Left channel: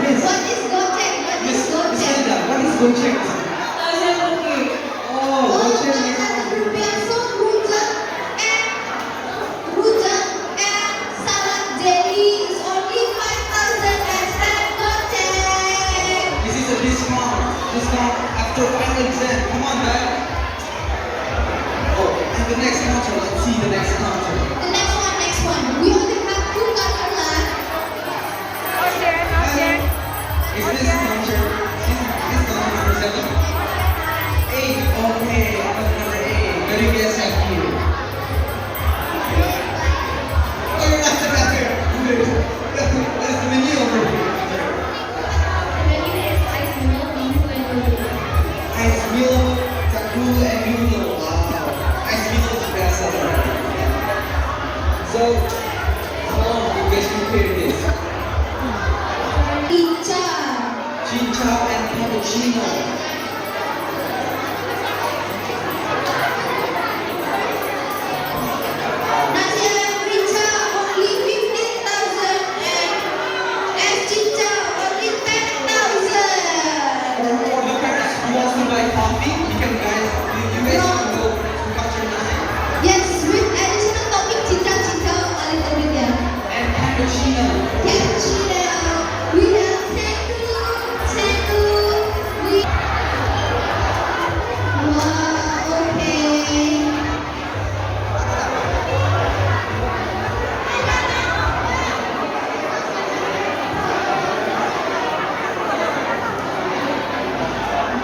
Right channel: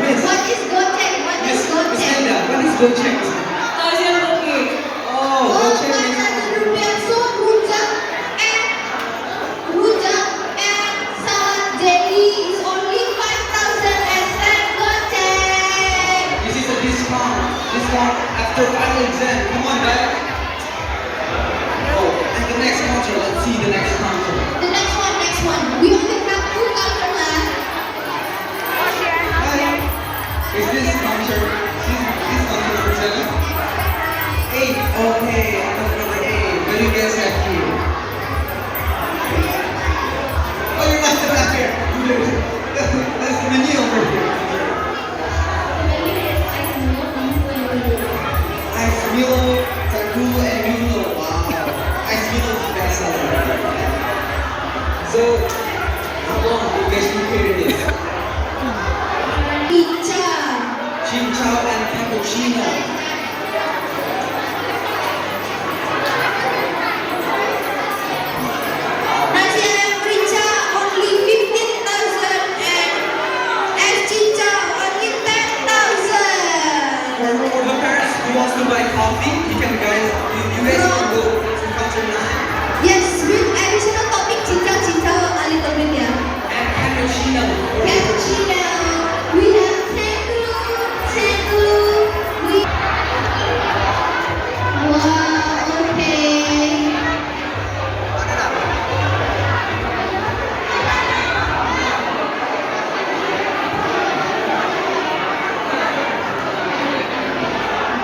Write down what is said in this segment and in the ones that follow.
Miss. What is Gojek? What is Miss Gojek? Linda, what is Gojek? Kasihan Gojek. Oh, Gojek means... 1,000 rupiah. So rujak and salad jelly is only 5,000 and 10 Gojek. This is a discount. Discount after final exam. Come on, guys. Oh, and the next counter. Let's see the next counter. The next one. We only have 2 counter left. Is this counter? This counter number 7? 8. Okay, counter number 8. What do you guys have here? Oh, you're not here. That's the menu over here. Ice Milo, Takul, and Yuno. Wow. Ice Milo is the best seller. So, how long do you guys prepare this? Pizza. Chin chow and cappuccino. Nasi ayam rica only 15,000 and chicha only 10,000. For the parents who wants to buy coffee, you guys can go to counter 9. Yes, with additional topping chicha a little bit, yeah. And cappuccino. Cappuccino. We have Tengu. Wow, okay.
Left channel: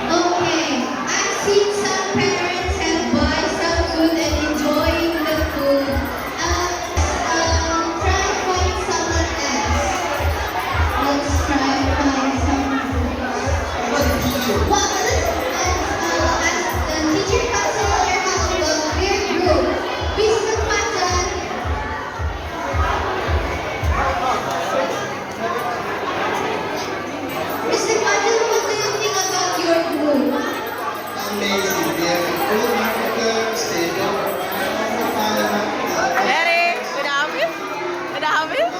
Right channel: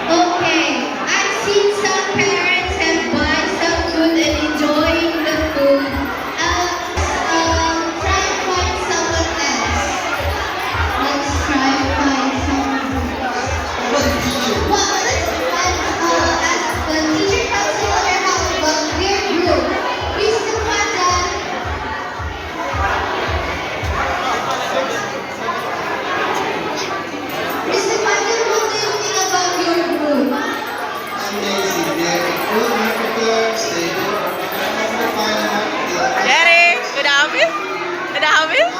Okay, I've seen some parents have buy some food and enjoying the food. Try find someone else. Let's try find someone. What teacher? Well, as the teacher comes in our house, but we're group. Mr. Fajan. Mr. Fajan, what do you think about your group? Amazing. They have good marketers, stable. Jerry, udah habis? Udah habis?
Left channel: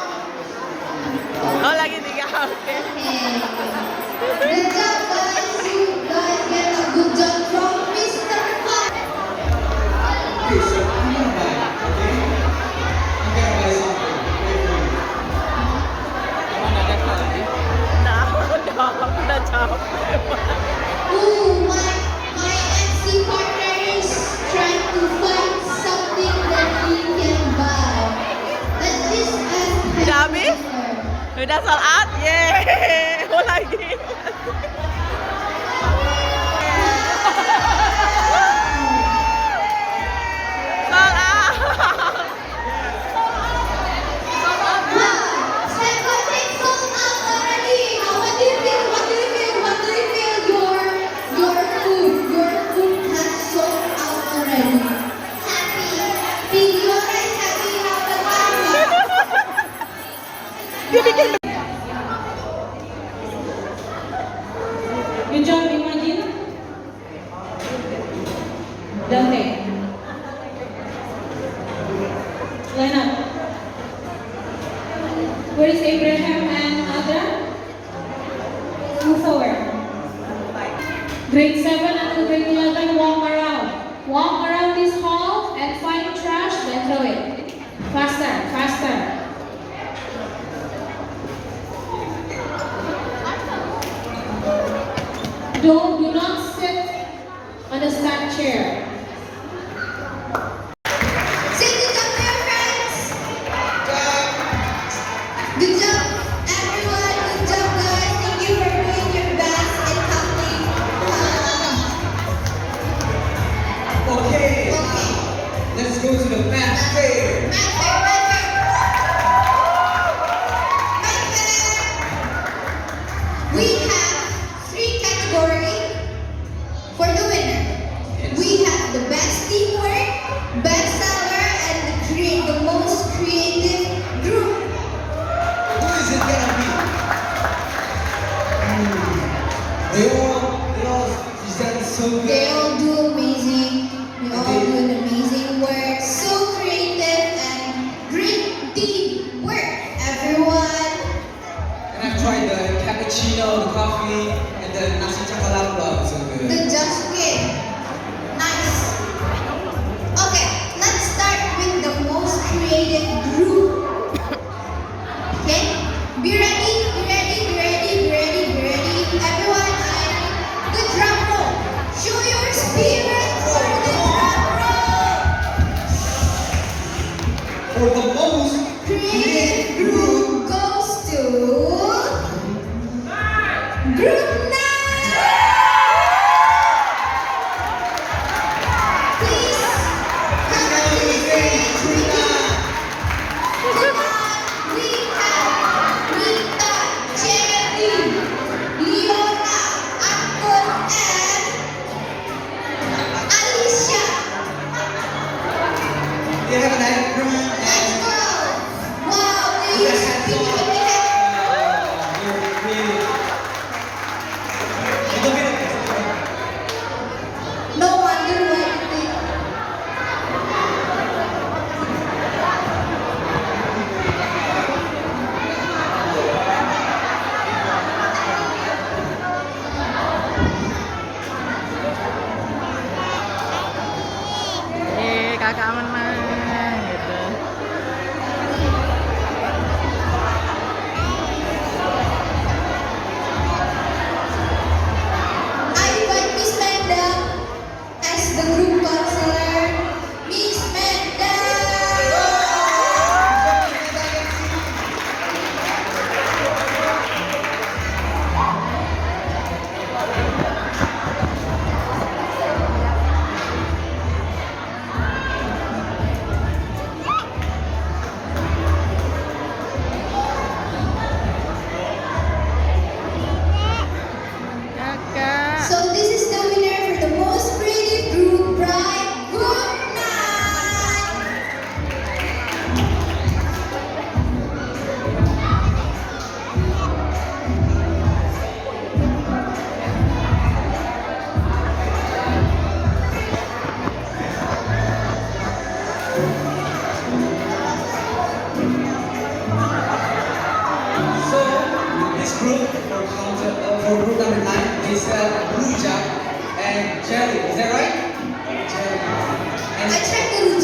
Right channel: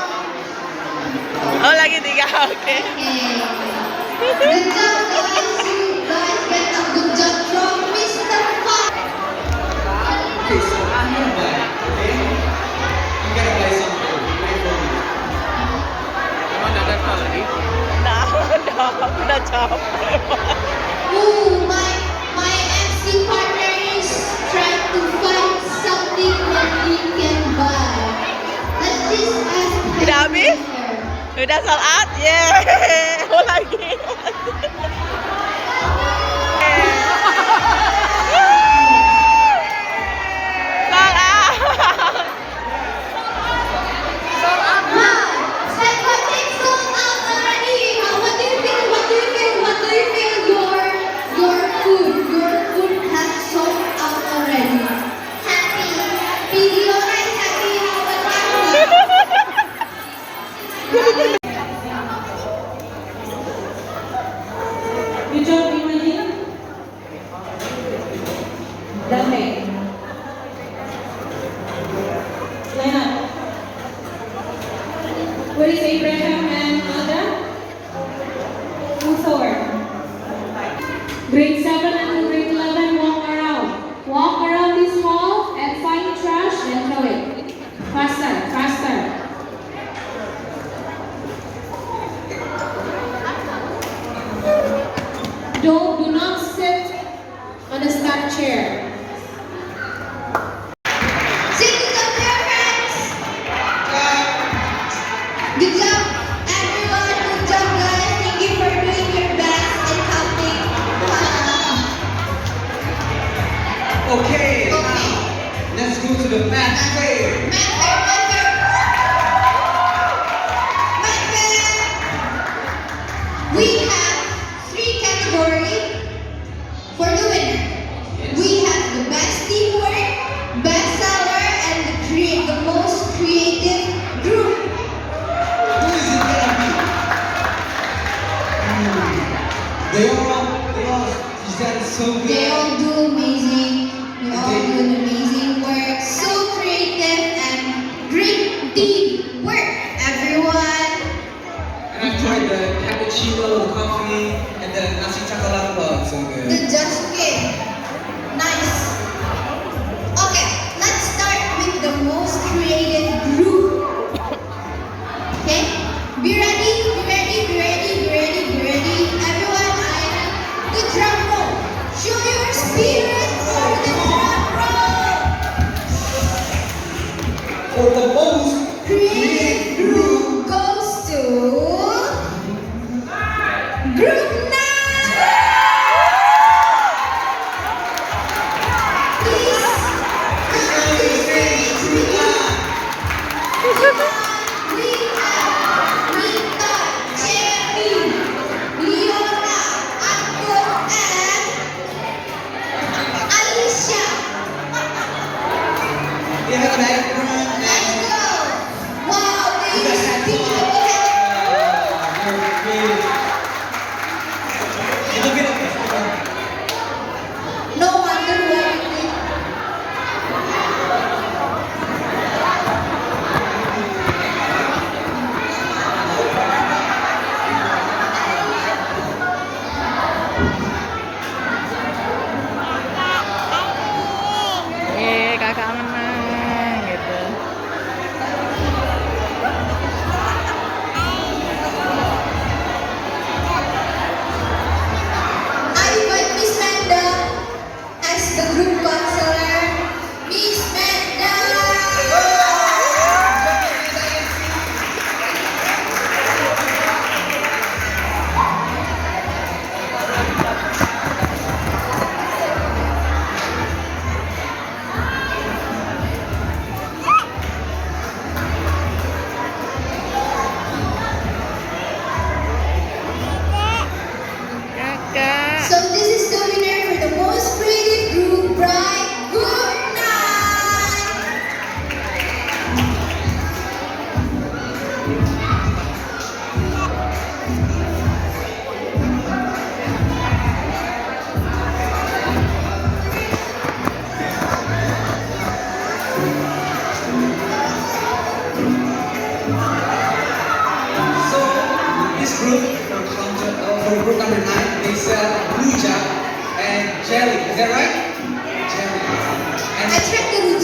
Oh, lagi 3, oke. Good job, guys. You guys get a good job from Mr. Fajan. Okay, so I'm gonna buy, okay? I'm gonna buy something. Wait for me. Emang nggak ada lagi? Udah capek. Ooh, my MC partner is trying to find something that we can buy. Let's just ask Udah habis? Udah salat? Yeay, mau lagi. Salat. Wow, said what they sold out already. What do you feel? Your food has sold out already. Happy. Videora is happy. How about you? Good job, Imani. Dante. Line up. Where is Abraham and Ada? Move forward. Grade 7 and grade 11, walk around. Walk around this hall and find trash, then throw it. Faster. Do not sit on the stacked chair. Say good job to your friends. Good job, everyone. Good job, guys. Thank you for doing your best and helping. Okay, now, let's go to the math fair. We have 3 categories for the winner. We have the best teamwork, best seller, and the most creative group. Who is it gonna be? They all present so good. They all do amazing. They all do an amazing work. So creative and great teamwork, everyone. And I've tried the coffee, and the nasi chakalapa. So good. The Just King. Nice. Okay, let's start with the most creative group. Okay? Be ready, be ready, be ready, be ready, be ready. Everyone, I need the drum roll. Show your spirit for the drum roll. For the most Creative group goes to Group 9. Please come on to the stage with me. Come on, we have Rita, Jenny, Leona, Anton, and Alicia. we have an acronym Let's and go. Wow, they you use guys had so picture much. picture. You're creative. Look at it. No wonder why you did. Kakak menang gitu. I invite Miss Manda as the group counselor. Miss Manda! Kakak. So this is the winner for the most creative group, Bright Good Night! So this group for group number 9, they sell blue jack and jelly. Is that right? Jelly. I And tried the